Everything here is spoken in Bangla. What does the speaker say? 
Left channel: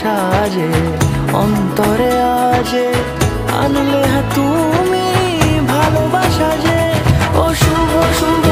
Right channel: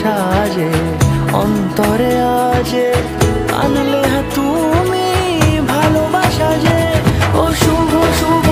সাজে অন্তরে আজে আনলে তুমি ভালোবাসা যে। ও শুভ শুভ